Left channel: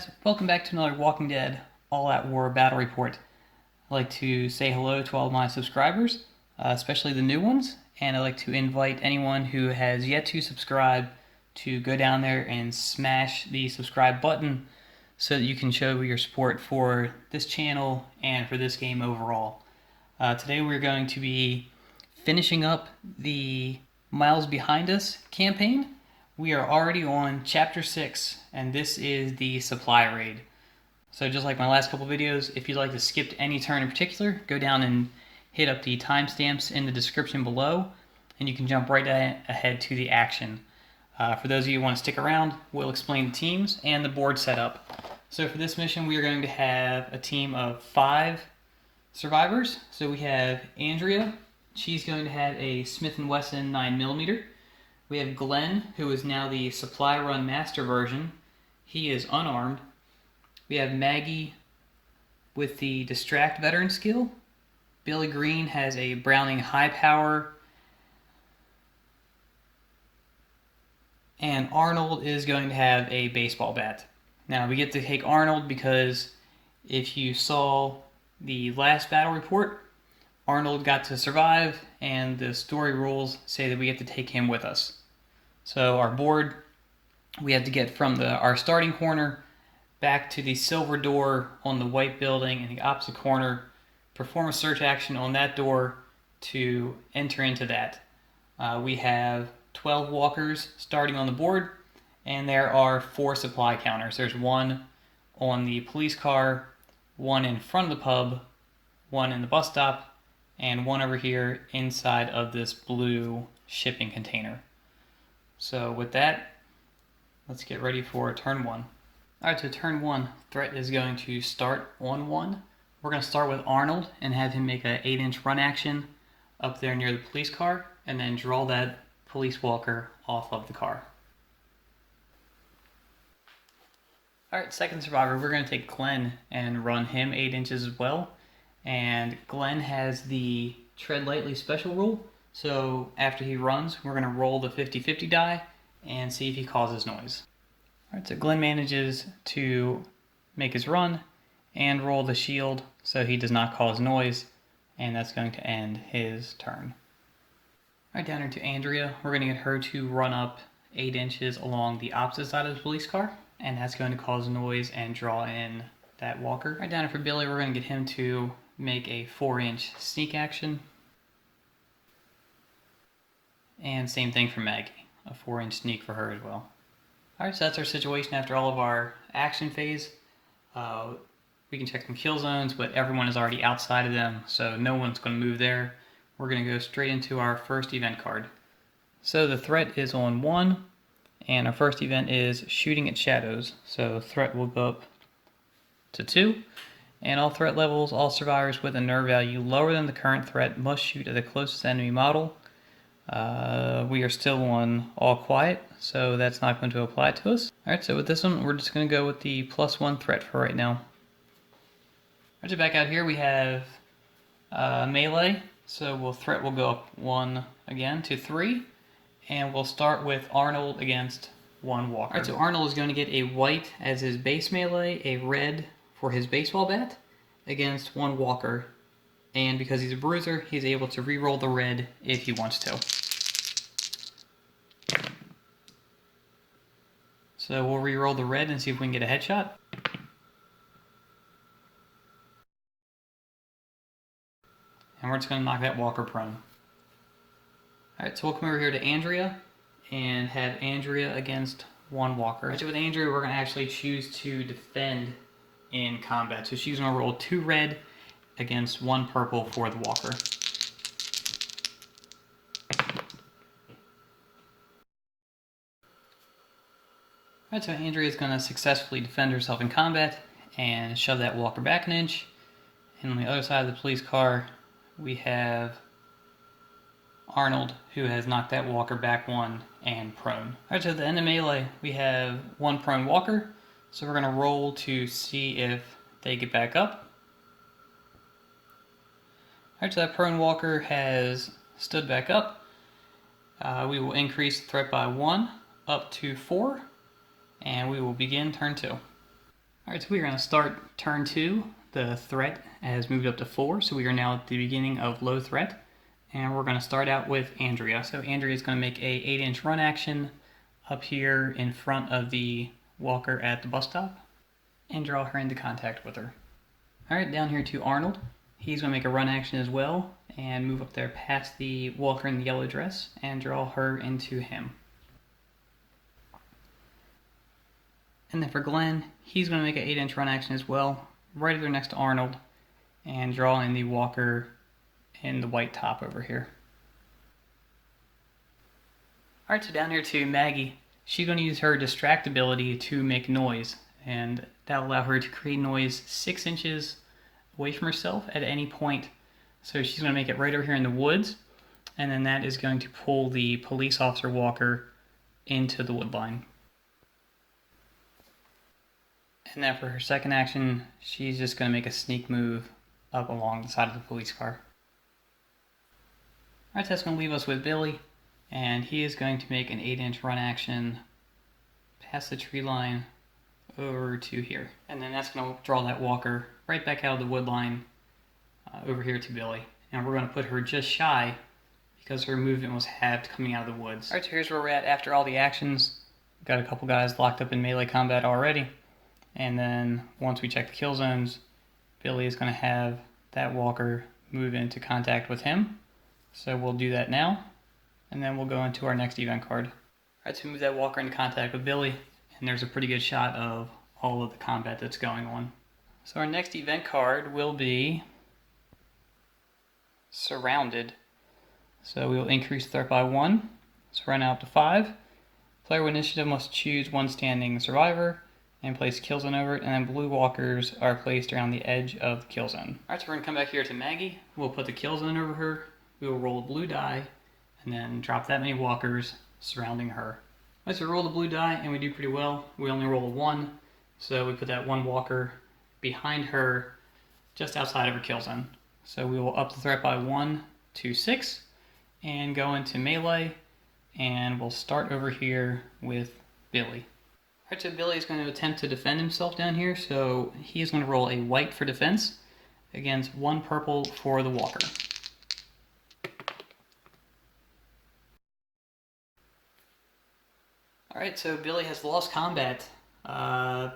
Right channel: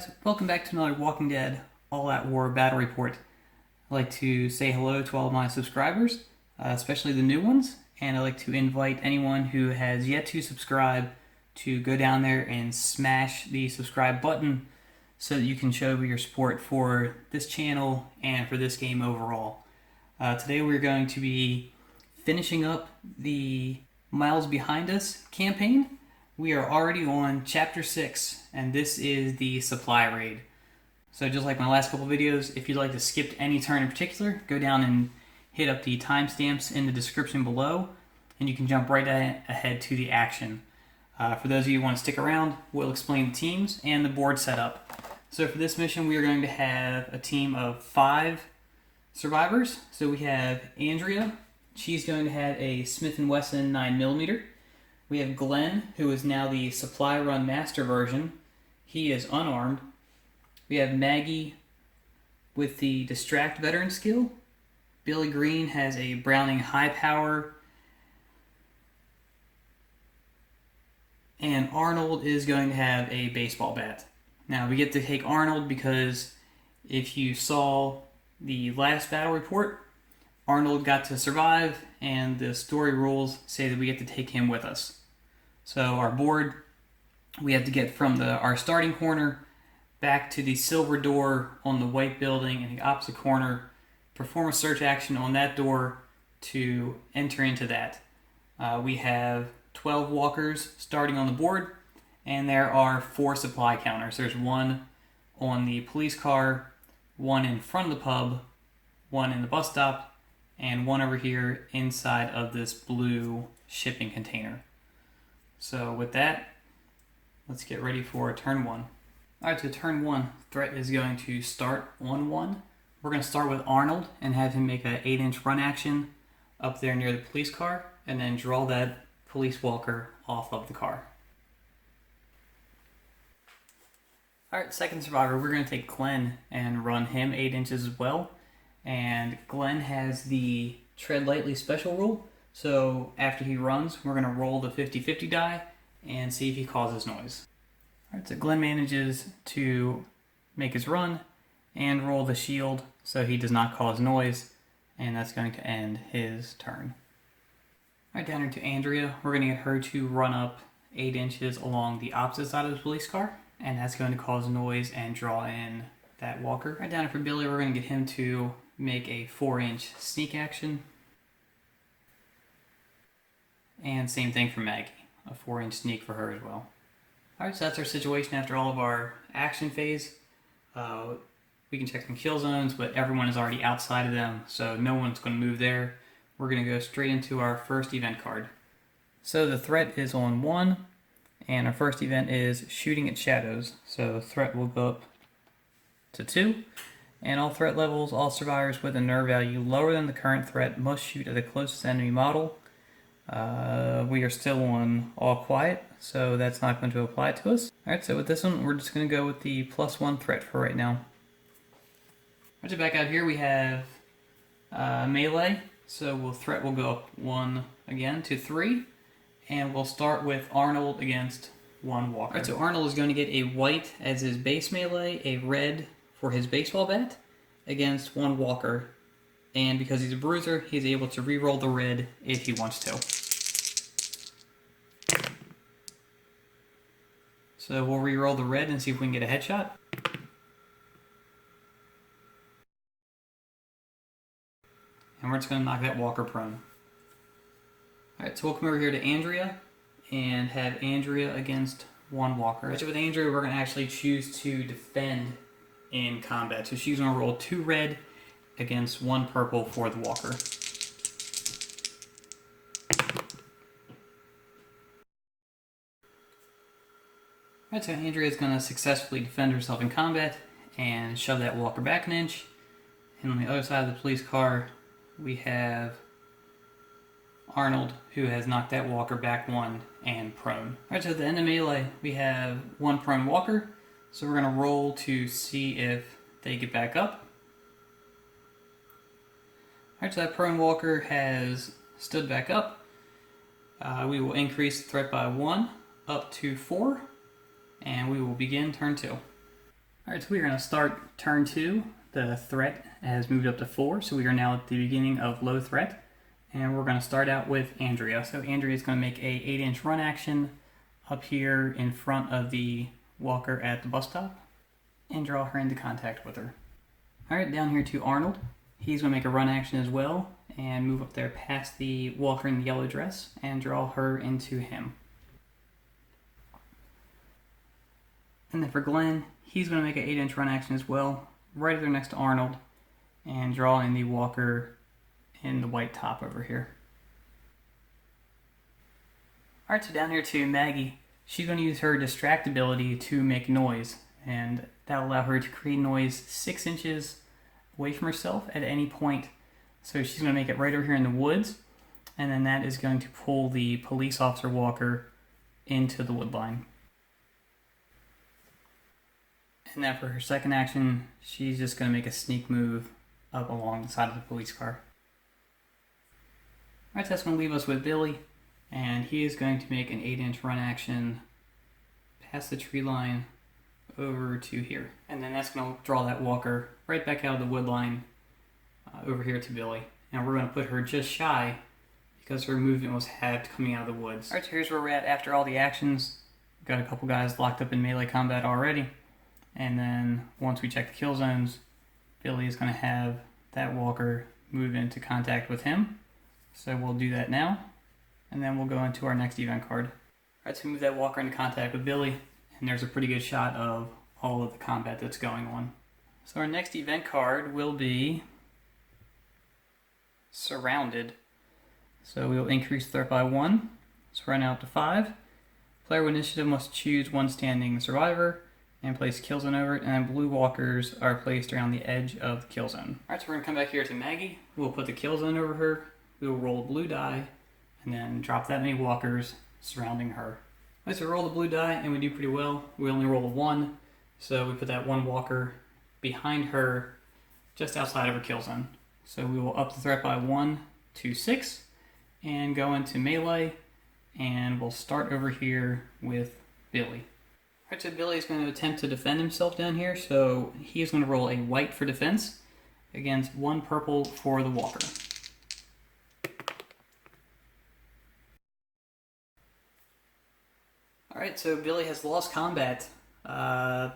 guys, welcome back to another Walking Dead All-Out War Battle Report. I'd like to say hello to all my subscribers, especially the new ones, and I'd like to invite anyone who has yet to subscribe to go down there and smash the subscribe button so that you can show your support for this channel and for this game overall. Today we're going to be finishing up the Miles Behind Us campaign. We are already on Chapter 6, and this is the supply raid. So just like my last couple videos, if you'd like to skip any turn in particular, go down and hit up the timestamps in the description below, and you can jump right ahead to the action. For those of you who want to stick around, we'll explain the teams and the board setup. So for this mission, we are going to have a team of 5 survivors. So we have Andrea. She's going to have a Smith & Wesson 9mm. We have Glenn, who is now the Supply Run Master version. He is unarmed. We have Maggie with the Distract Veteran skill. Billy Green has a Browning High Power. And Arnold is going to have a baseball bat. Now, we get to take Arnold because if you saw the last battle report, Arnold got to survive, and the story rules say that we get to take him with us. So our board, we have to get from our starting corner back to the silver door on the white building in the opposite corner, perform a search action on that door to enter into that. We have 12 walkers starting on the board, and there are 4 supply counters. There's 1 on the police car, 1 in front of the pub, 1 in the bus stop, and 1 over here inside of this blue shipping container. So with that, let's get ready for turn 1. Alright, so turn 1, threat is going to start on 1. We're going to start with Arnold and have him make an 8-inch run action up there near the police car, and then draw that police walker off of the car. Alright, second survivor, we're going to take Glenn and run him 8 inches as well. And Glenn has the tread lightly special rule. So after he runs, we're going to roll the 50-50 die and see if he causes noise. Alright, so Glenn manages to make his run and roll the shield so he does not cause noise, and that's going to end his turn. Alright, down here to Andrea. We're going to get her to run up 8 inches along the opposite side of the police car, and that's going to cause noise and draw in that walker. Right down here for Billy, we're going to get him to make a 4-inch sneak action. And same thing for Maggie, a 4-inch sneak for her as well. Alright, so that's our situation after all of our action phase. We can check some kill zones, but everyone is already outside of them, so no one's going to move there. We're going to go straight into our first event card. So the threat is on 1, and our first event is shooting at shadows. So the threat will go up to 2. And all threat levels, all survivors with a nerve value lower than the current threat must shoot at the closest enemy model. We are still on all quiet, so that's not going to apply to us. Alright, so with this one, we're just going to go with the +1 threat for right now. Alright, so back out here we have melee, so threat will go up 1 again to 3, and we'll start with Arnold against 1 walker. Alright, so Arnold is going to get a white as his base melee, a red for his baseball bat against 1 walker, and because he's a bruiser, he's able to re-roll the red if he wants to. So we'll re-roll the red and see if we can get a headshot. And we're just going to knock that walker prone. Alright, so we'll come over here to Andrea and have Andrea against 1 walker. So with Andrea, we're going to actually choose to defend in combat. So she's going to roll 2 red against 1 purple for the walker. Alright, so Andrea is going to successfully defend herself in combat and shove that walker back an inch. And on the other side of the police car, we have Arnold, who has knocked that walker back 1 and prone. Alright, so at the end of melee, we have 1 prone walker. So we're going to roll to see if they get back up. Alright, so that prone walker has stood back up. We will increase the threat by 1 up to 4. And we will begin turn 2. Alright, so we are going to start turn 2. The threat has moved up to 4, so we are now at the beginning of low threat. And we're going to start out with Andrea. So Andrea is going to make a 8-inch run action up here in front of the walker at the bus stop and draw her into contact with her. Alright, down here to Arnold. He's going to make a run action as well and move up there past the walker in the yellow dress and draw her into him. And then for Glenn, he's going to make an 8-inch run action as well, right there next to Arnold, and draw in the walker in the white top over here. Alright, so down here to Maggie. She's going to use her distract ability to make noise, and that'll allow her to create noise 6 inches away from herself at any point. So she's going to make it right over here in the woods, and then that is going to pull the police officer walker into the wood line. And then for her second action, she's just going to make a sneak move up along the side of the police car. Alright, so that's going to leave us with Billy, and he is going to make an 8-inch run action past the tree line over to here. And then that's going to draw that walker right back out of the wood line over here to Billy. And we're going to put her just shy because her movement was halved coming out of the woods. Alright, so here's where we're at after all the actions. We've got a couple guys locked up in melee combat already. And then once we check the kill zones, Billy is going to have that walker move into contact with him. So we'll do that now, and then we'll go into our next event card. Alright, so move that walker into contact with Billy, and there's a pretty good shot of all of the combat that's going on. So our next event card will be Surrounded. So we will increase threat by 1, so run out to 5. Player with initiative must choose one standing survivor and place kill zone over it, and then blue walkers are placed around the edge of the kill zone. Alright, so we're going to come back here to Maggie. We'll put the kill zone over her. We will roll a blue die, and then drop that many walkers surrounding her. Alright, so we roll the blue die, and we do pretty well. We only roll a 1, so we put that one walker behind her, just outside of her kill zone. So we will up the threat by 1 to 6, and go into melee, and we'll start over here with Billy. Alright, so Billy is going to attempt to defend himself down here, so he is going to roll a white for defense against 1 purple for the walker. Alright, so Billy has lost combat by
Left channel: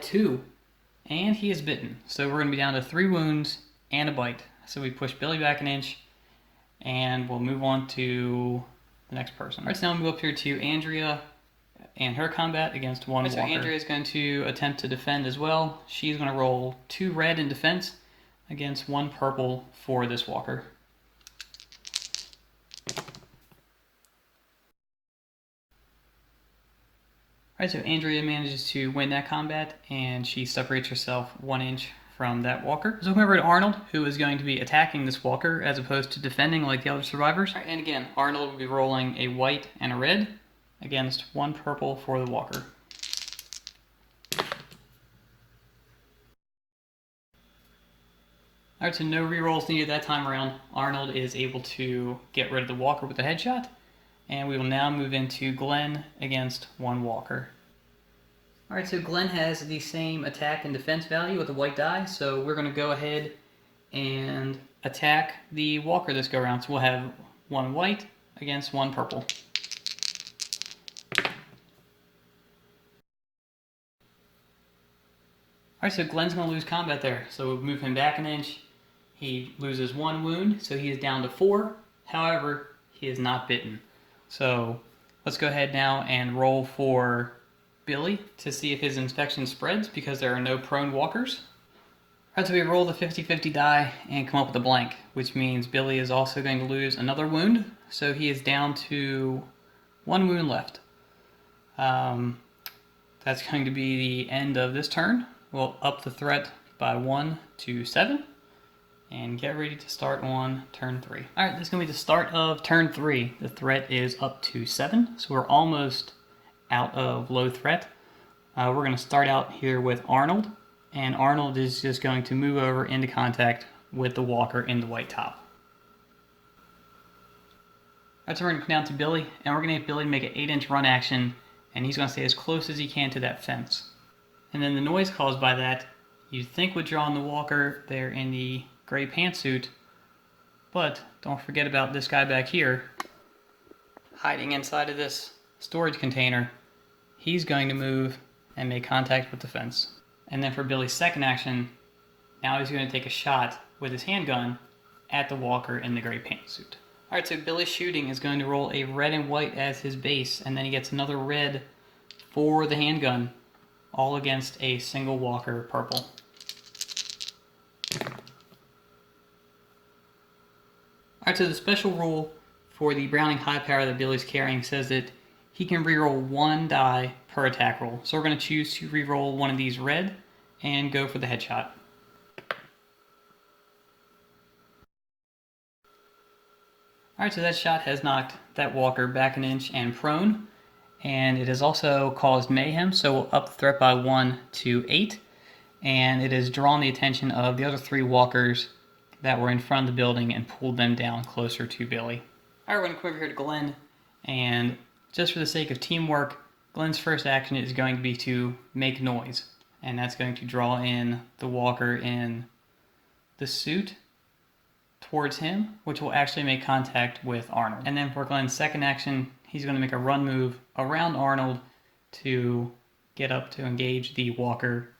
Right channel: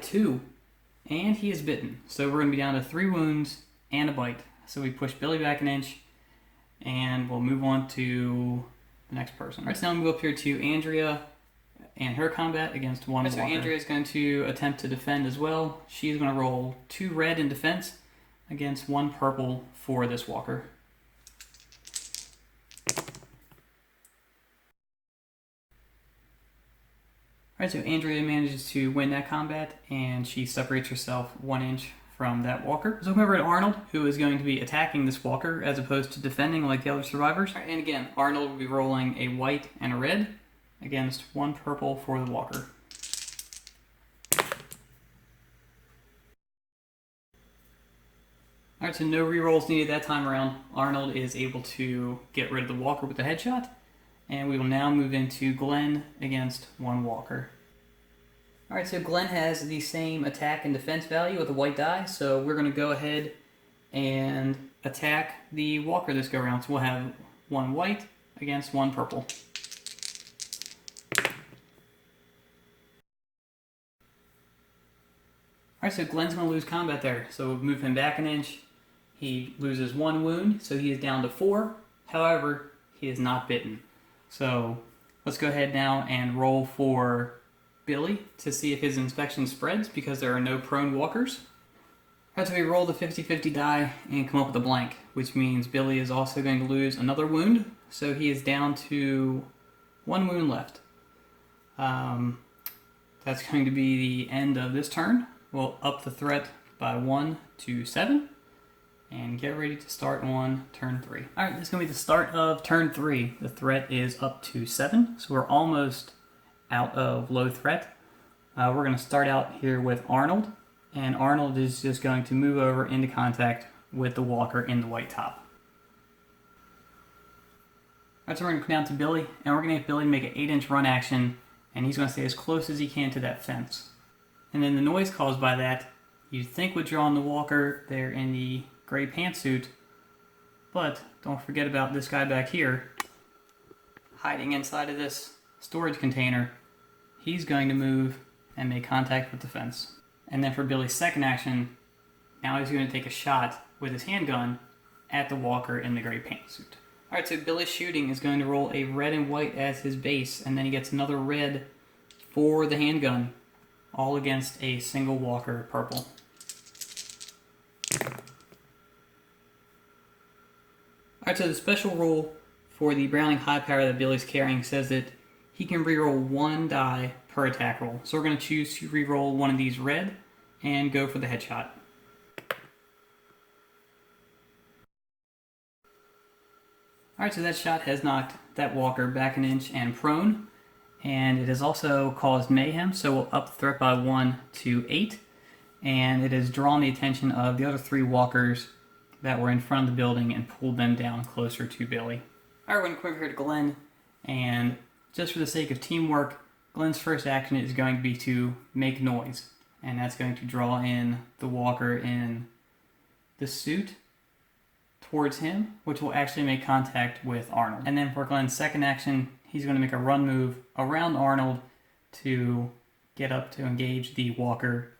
2, and he is bitten. So we're going to be down to 3 wounds and a bite. So we push Billy back an inch, and we'll move on to the next person. Alright, so now we move up here to Andrea and her combat against 1 walker. So Andrea is going to attempt to defend as well. She's going to roll 2 red in defense against 1 purple for this walker. Alright, so Andrea manages to win that combat, and she separates herself 1 inch from that walker. So over to Arnold, who is going to be attacking this walker as opposed to defending like the other survivors. Right, and again, Arnold will be rolling a white and a red against 1 purple for the walker. Alright, so no rerolls needed that time around. Arnold is able to get rid of the walker with a headshot. And we will now move into Glenn against 1 walker. Alright, so Glenn has the same attack and defense value with the white die, so we're going to go ahead and attack the walker this go around. So we'll have 1 white against 1 purple. Alright, so Glenn's going to lose combat there, so we'll move him back an inch. He loses 1 wound, so he is down to 4. However, he is not bitten. So let's go ahead now and roll for Billy to see if his infection spreads because there are no prone walkers. Alright, so we roll the 50-50 die and come up with a blank, which means Billy is also going to lose another wound. So he is down to 1 wound left. That's going to be the end of this turn. We'll up the threat by 1 to 7. And get ready to start on turn 3. Alright, this is going to be the start of turn 3. The threat is up to 7, so we're almost out of low threat. We're going to start out here with Arnold, and Arnold is just going to move over into contact with the walker in the white top. Alright, so we're going to come down to Billy, and we're going to have Billy make an 8-inch run action, and he's going to stay as close as he can to that fence. And then the noise caused by that, you'd think would draw on the walker there in the gray pantsuit, but don't forget about this guy back here, hiding inside of this storage container. He's going to move and make contact with the fence. And then for Billy's second action, now he's going to take a shot with his handgun at the walker in the gray pantsuit. Alright, so Billy's shooting is going to roll a red and white as his base, and then he gets another red for the handgun, all against a single walker purple. Alright, so the special rule for the Browning high power that Billy's carrying says that he can reroll one die per attack roll. So we're going to choose to reroll one of these red and go for the headshot. Alright, so that shot has knocked that walker back an inch and prone, and it has also caused mayhem, so we'll up the threat by 1 to 8, and it has drawn the attention of the other 3 walkers that were in front of the building and pulled them down closer to Billy. Alright, we're going to come over here to Glenn, and just for the sake of teamwork, Glenn's first action is going to be to make noise, and that's going to draw in the walker in the suit towards him, which will actually make contact with Arnold. And then for Glenn's second action, he's going to make a run move around Arnold to get up to engage the walker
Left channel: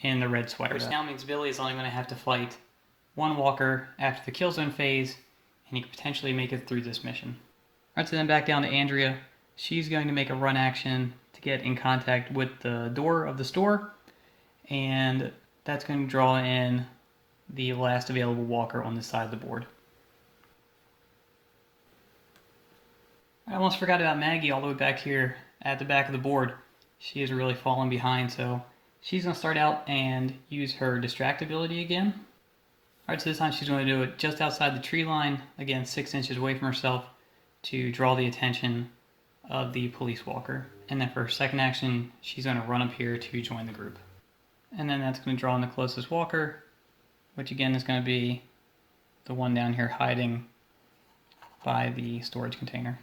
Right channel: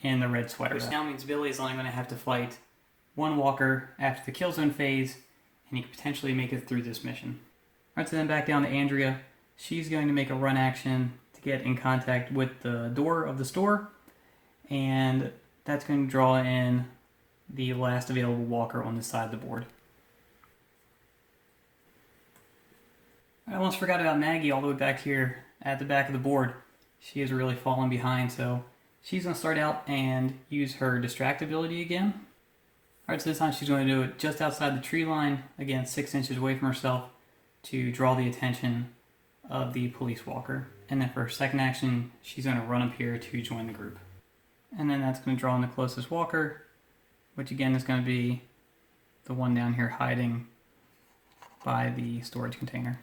in the red sweater. Which now means Billy is only going to have to fight one walker after the kill zone phase, and he could potentially make it through this mission. Alright, so then back down to Andrea. She's going to make a run action to get in contact with the door of the store, and that's going to draw in the last available walker on this side of the board. I almost forgot about Maggie all the way back here at the back of the board. She is really falling behind, so she's going to start out and use her distract ability again. Alright, so this time she's going to do it just outside the tree line, again 6 inches away from herself, to draw the attention of the police walker. And then for her second action, she's going to run up here to join the group. And then that's going to draw in the closest walker, which again is going to be the one down here hiding by the storage container.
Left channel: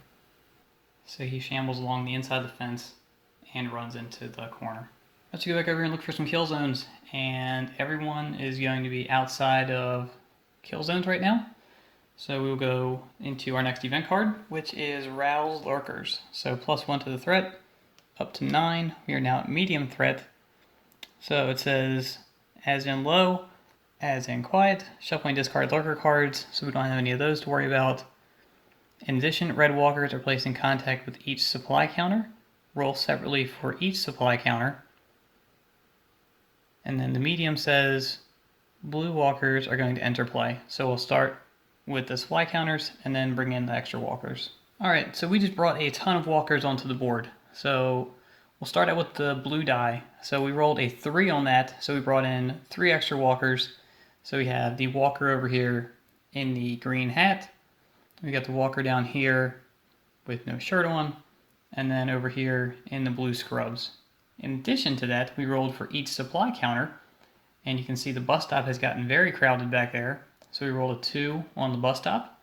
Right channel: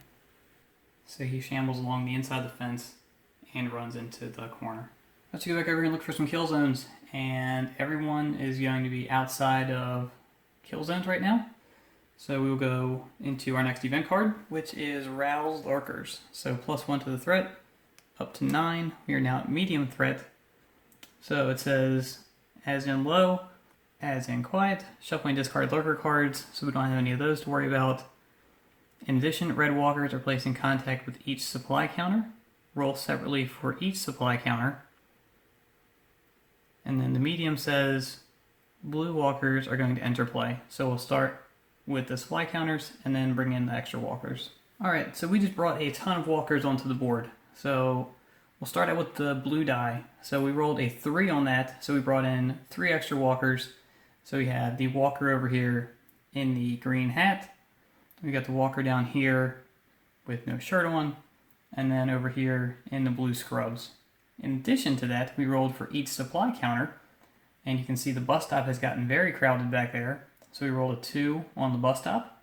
So he shambles along the inside of the fence and runs into the corner. Let's go back over here and look for some kill zones, and everyone is going to be outside of kill zones right now. So we will go into our next event card, which is Rouse Lurkers. So +1 to the threat, up to 9. We are now at medium threat. So it says, as in low, as in quiet, shuffling discard lurker cards, so we don't have any of those to worry about. In addition, red walkers are placed in contact with each supply counter. Roll separately for each supply counter. And then the medium says, blue walkers are going to enter play. So we'll start with the supply counters and then bring in the extra walkers. Alright, so we just brought a ton of walkers onto the board. So we'll start out with the blue die. So we rolled a 3 on that, so we brought in 3 extra walkers. So we have the walker over here in the green hat. We got the walker down here with no shirt on, and then over here in the blue scrubs. In addition to that, we rolled for each supply counter, and you can see the bus stop has gotten very crowded back there. So we rolled a 2 on the bus stop.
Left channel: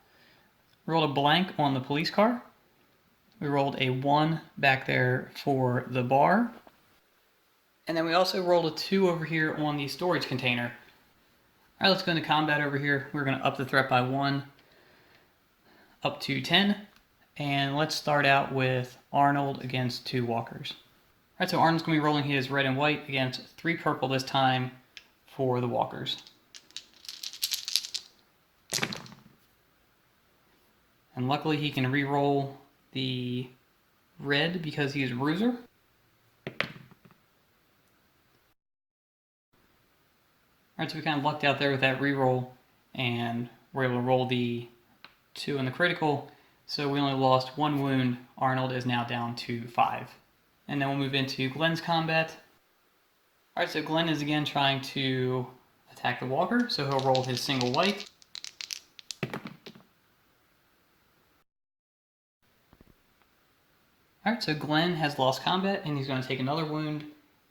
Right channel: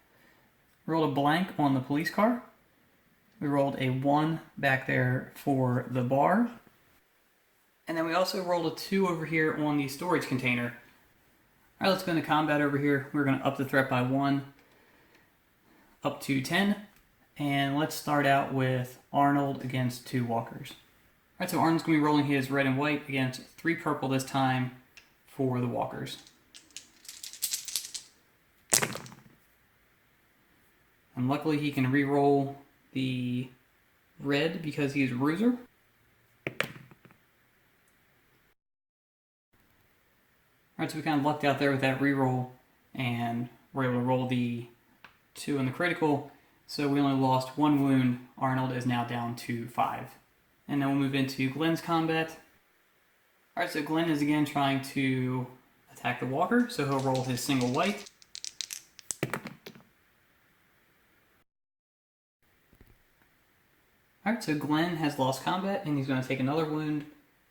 Rolled a blank on the police car. We rolled a 1 back there for the bar. And then we also rolled a 2 over here on the storage container. Alright, let's go into combat over here. We're going to up the threat by 1, up to 10. And let's start out with Arnold against 2 walkers. Alright, so Arnold's going to be rolling his red and white against 3 purple this time for the walkers. And luckily he can re-roll the red because he's a bruiser. Alright, so we kind of lucked out there with that re-roll, and we're able to roll the 2 in the critical, so we only lost 1 wound. Arnold is now down to 5. And then we'll move into Glenn's combat. Alright, so Glenn is again trying to attack the walker, so he'll roll his single white. Alright, so Glenn has lost combat, and he's going to take another wound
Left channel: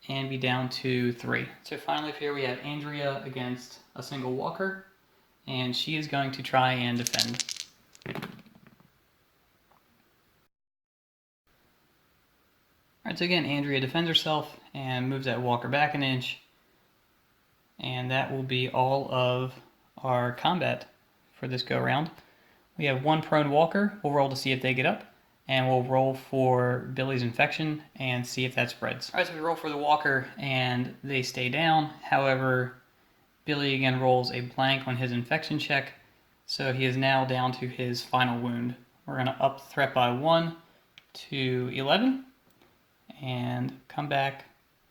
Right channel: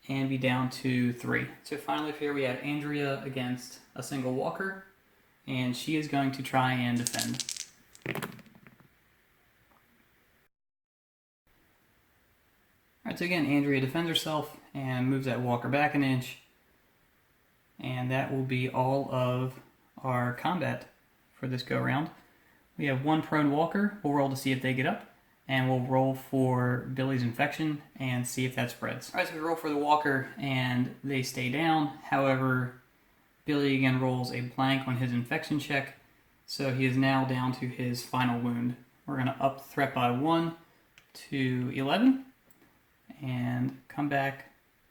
and be down to 3. So finally up here we have Andrea against a single walker, and she is going to try and defend. Alright, so again, Andrea defends herself, and moves that walker back an inch. And that will be all of our combat for this go round. We have one prone walker. We'll roll to see if they get up. And we'll roll for Billy's infection and see if that spreads. Alright, so we roll for the walker and they stay down. However, Billy again rolls a blank on his infection check. So he is now down to his final wound. We're going to up the threat by 1 to 11. And come back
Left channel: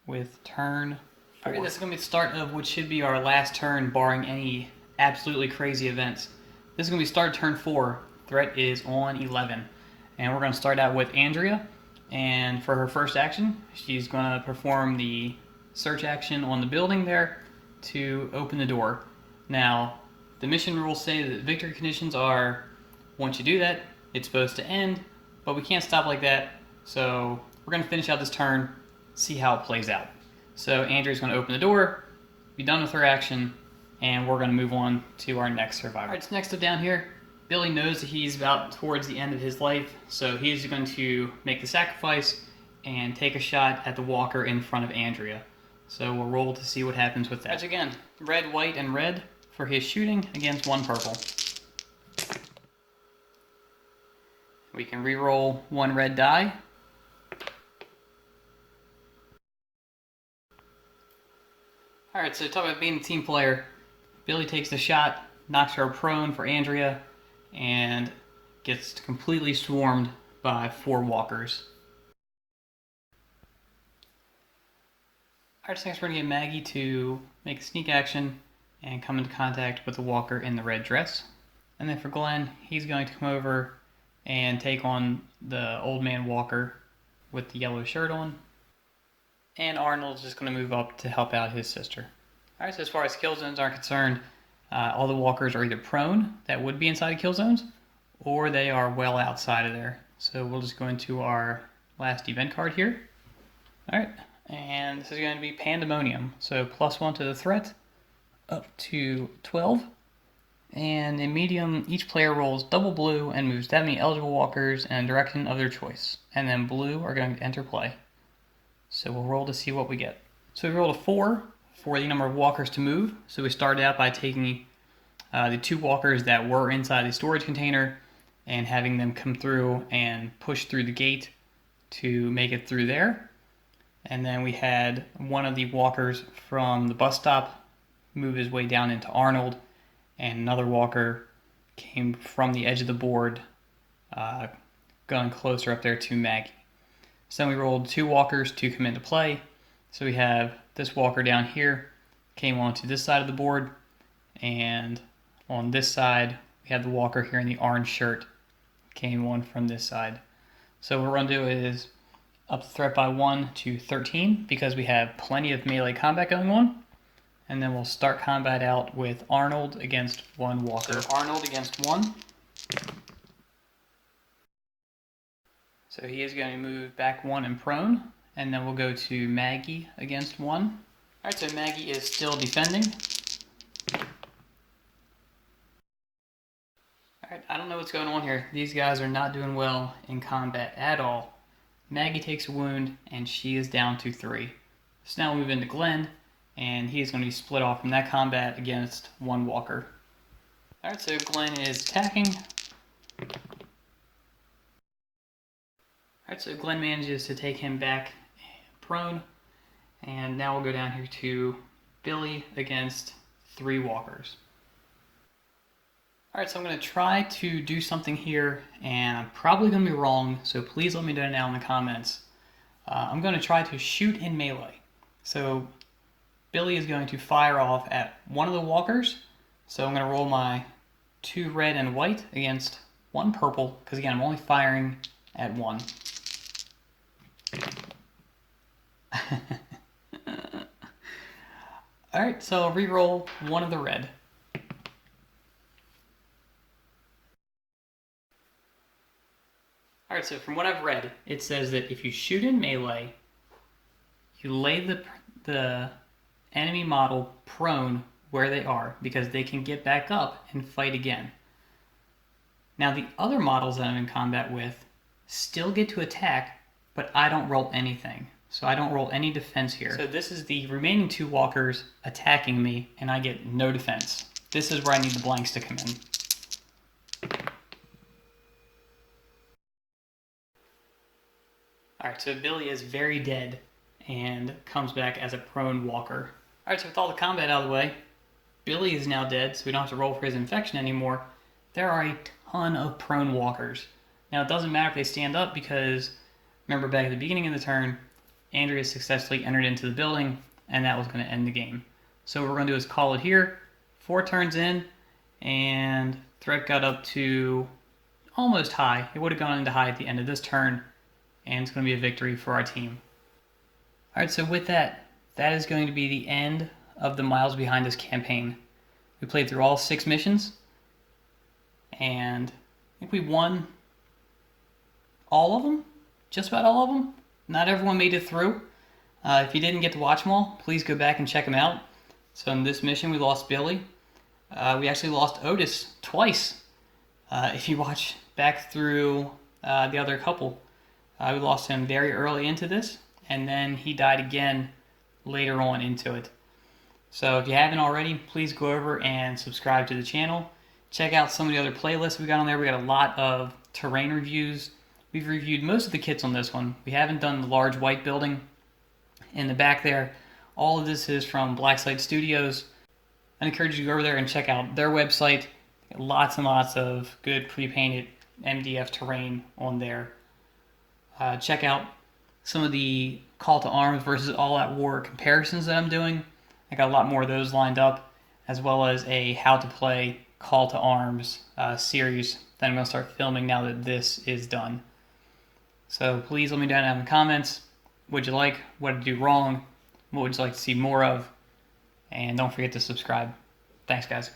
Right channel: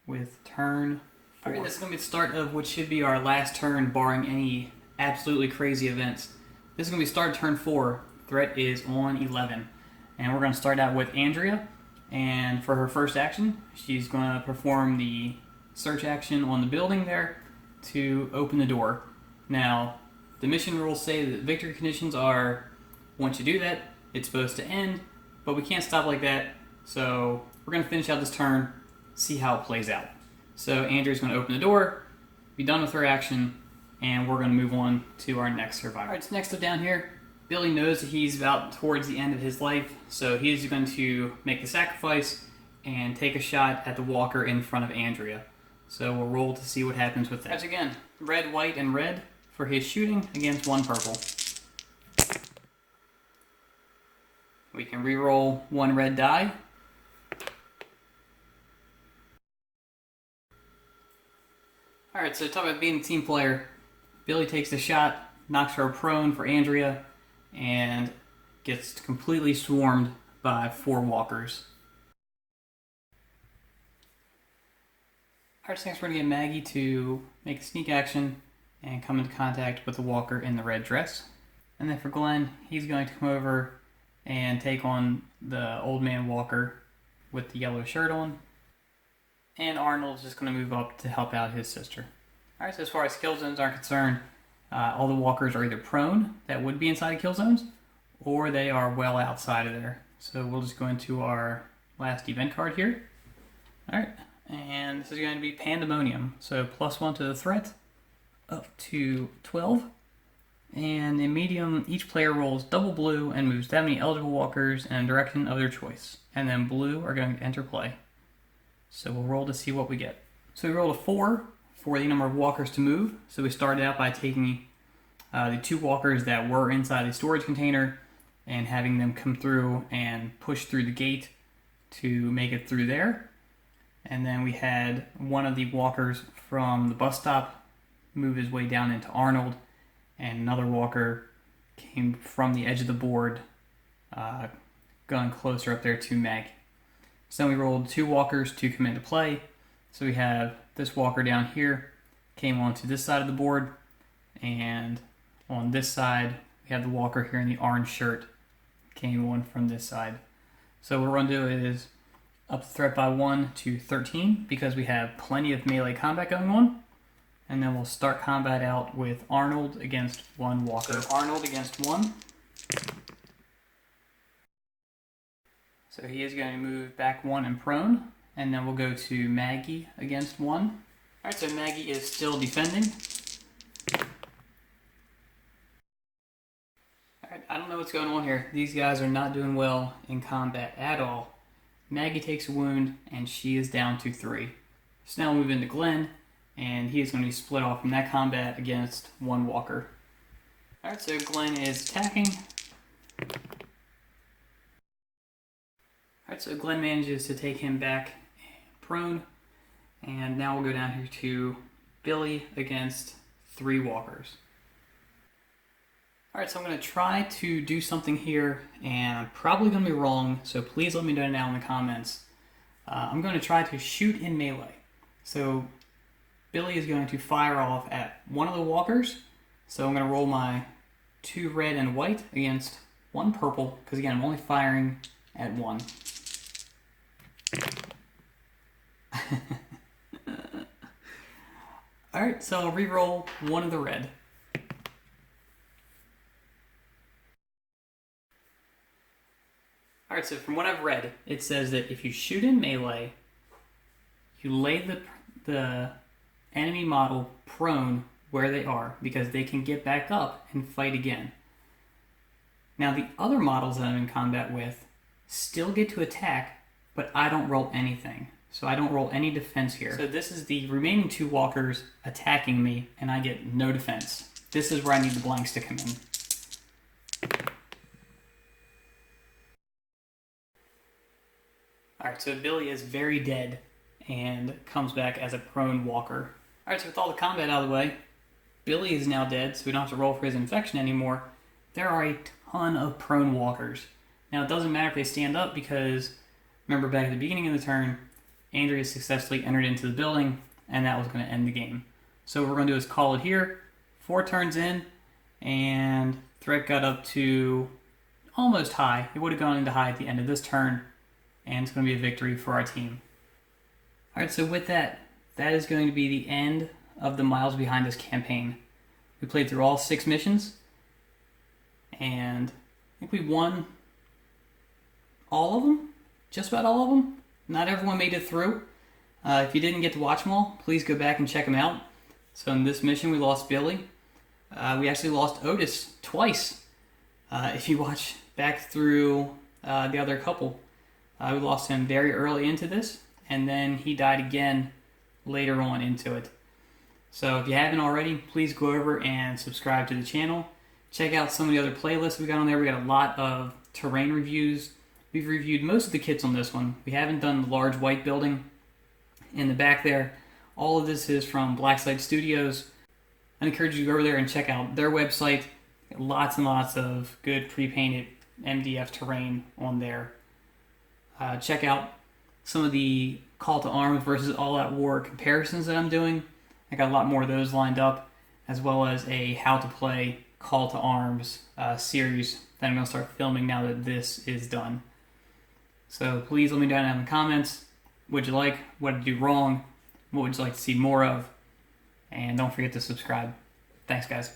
with turn 4. Alright, this is going to be the start of what should be our last turn, barring any absolutely crazy events. This is going to be start turn 4. Threat is on 11. And we're going to start out with Andrea. And for her first action, she's going to perform the search action on the building there to open the door. Now, the mission rules say that victory conditions are, once you do that, it's supposed to end, but we can't stop like that. So we're going to finish out this turn, see how it plays out. So Andrea's going to open the door, be done with her action, and we're going to move on to our next survivor. Alright, so next up down here, Billy knows that he's about towards the end of his life, so he's going to make the sacrifice and take a shot at the walker in front of Andrea. So we'll roll to see what happens with that. As again, red, white, and red for his shooting against one purple. We can re-roll one red die. Alright, so talk about being a team player. Billy takes the shot, knocks her prone for Andrea, and gets completely swarmed by 4 walkers. Alright, so next we're going to get Maggie to make a sneak action and come into contact with the walker in the red dress. And then for Glenn, he's going to come over and take on the old man walker with the yellow shirt on. And Arnold's just going to move up to help out his sister. Alright, so as far as kill zones are concerned, all the walkers are either prone, that would be inside of kill zones, or they are well outside of there. So we'll just go into our last event card here. Alright, and this is going to be Pandemonium. So +1 to the threat, up to 12. And in medium, each player rolls double blue and moves that many eligible walkers in a direction of their choice. And then blue are going to enter play. So we'll roll to see what we get. So we rolled a 4 for the number of walkers to move. So we started out by taking the 2 walkers that were inside the storage container and having them come through and push through the gate to make it through there. And then we had one of the walkers from the bus stop move his way down into Arnold, and another walker came from the edge of the board, going closer up there to Maggie. So then we rolled 2 walkers to come into play. So we have this walker down here came onto this side of the board, and on this side we have the walker here in the orange shirt came on from this side. So what we're going to do is up the threat by 1 to 13 because we have plenty of melee combat going on. And then we'll start combat out with Arnold against 1 walker. So Arnold against 1. So he is going to move back 1 and prone. And then we'll go to Maggie against 1. Alright, so Maggie is still defending. Alright, I don't know what's going on here. These guys are not doing well in combat at all. Maggie takes a wound, and she is down to 3. So now we move into Glenn, and he is going to be split off from that combat against 1 walker. Alright, so Glenn is attacking. Alright, so Glenn manages to take him back prone. And now we'll go down here to Billy against 3 walkers. Alright, so I'm going to try to do something here, and I'm probably going to be wrong, so please let me know down in the comments. I'm going to try to shoot in melee. So Billy is going to fire off at one of the walkers. So I'm going to roll my 2 red and white against 1 purple, because again, I'm only firing at 1. Alright, so I'll re-roll 1 of the red. Alright, so from what I've read, it says that if you shoot in melee, you lay the enemy model prone where they are, because they can get back up and fight again. Now the other models that I'm in combat with still get to attack, but I don't roll anything. so I don't roll any defense here. So this is the remaining 2 walkers attacking me, and I get no defense. This is where I need the blanks to come in. Alright, so Billy is very dead and comes back as a prone walker. Alright, so with all the combat out of the way, Billy is now dead, so we don't have to roll for his infection anymore. There are a ton of prone walkers. Now, it doesn't matter if they stand up because, remember back at the beginning of the turn, Andrea successfully entered into the building, and that was going to end the game. So what we're going to do is call it here. 4 turns in, and threat got up to almost high. It would have gone into high at the end of this turn, and it's going to be a victory for our team. Alright, so with that, that is going to be the end of the Miles Behind Us campaign. We played through all 6 missions, and I think we won all of them, just about all of them. Not everyone made it through. If you didn't get to watch them all, please go back and check them out. So in this mission, we lost Billy. We actually lost Otis twice. If you watch back through the other couple, we lost him very early into this, and then he died again later on into it. So if you haven't already, please go over and subscribe to the channel. Check out some of the other playlists we got on there. We got a lot of terrain reviews. We've reviewed most of the kits on this one. We haven't done the large white building in the back there. All of this is from Blacksite Studios. I encourage you to go over there and check out their website. Lots and lots of good pre-painted MDF terrain on there. Check out some of the Call to Arms versus All Out War comparisons that I'm doing. I got a lot more of those lined up, as well as a How to Play Call to Arms series that I'm going to start filming now that this is done. So please let me know down in the comments what you like, what did you do wrong, what would you like to see more of, and don't forget to subscribe. Thanks, guys.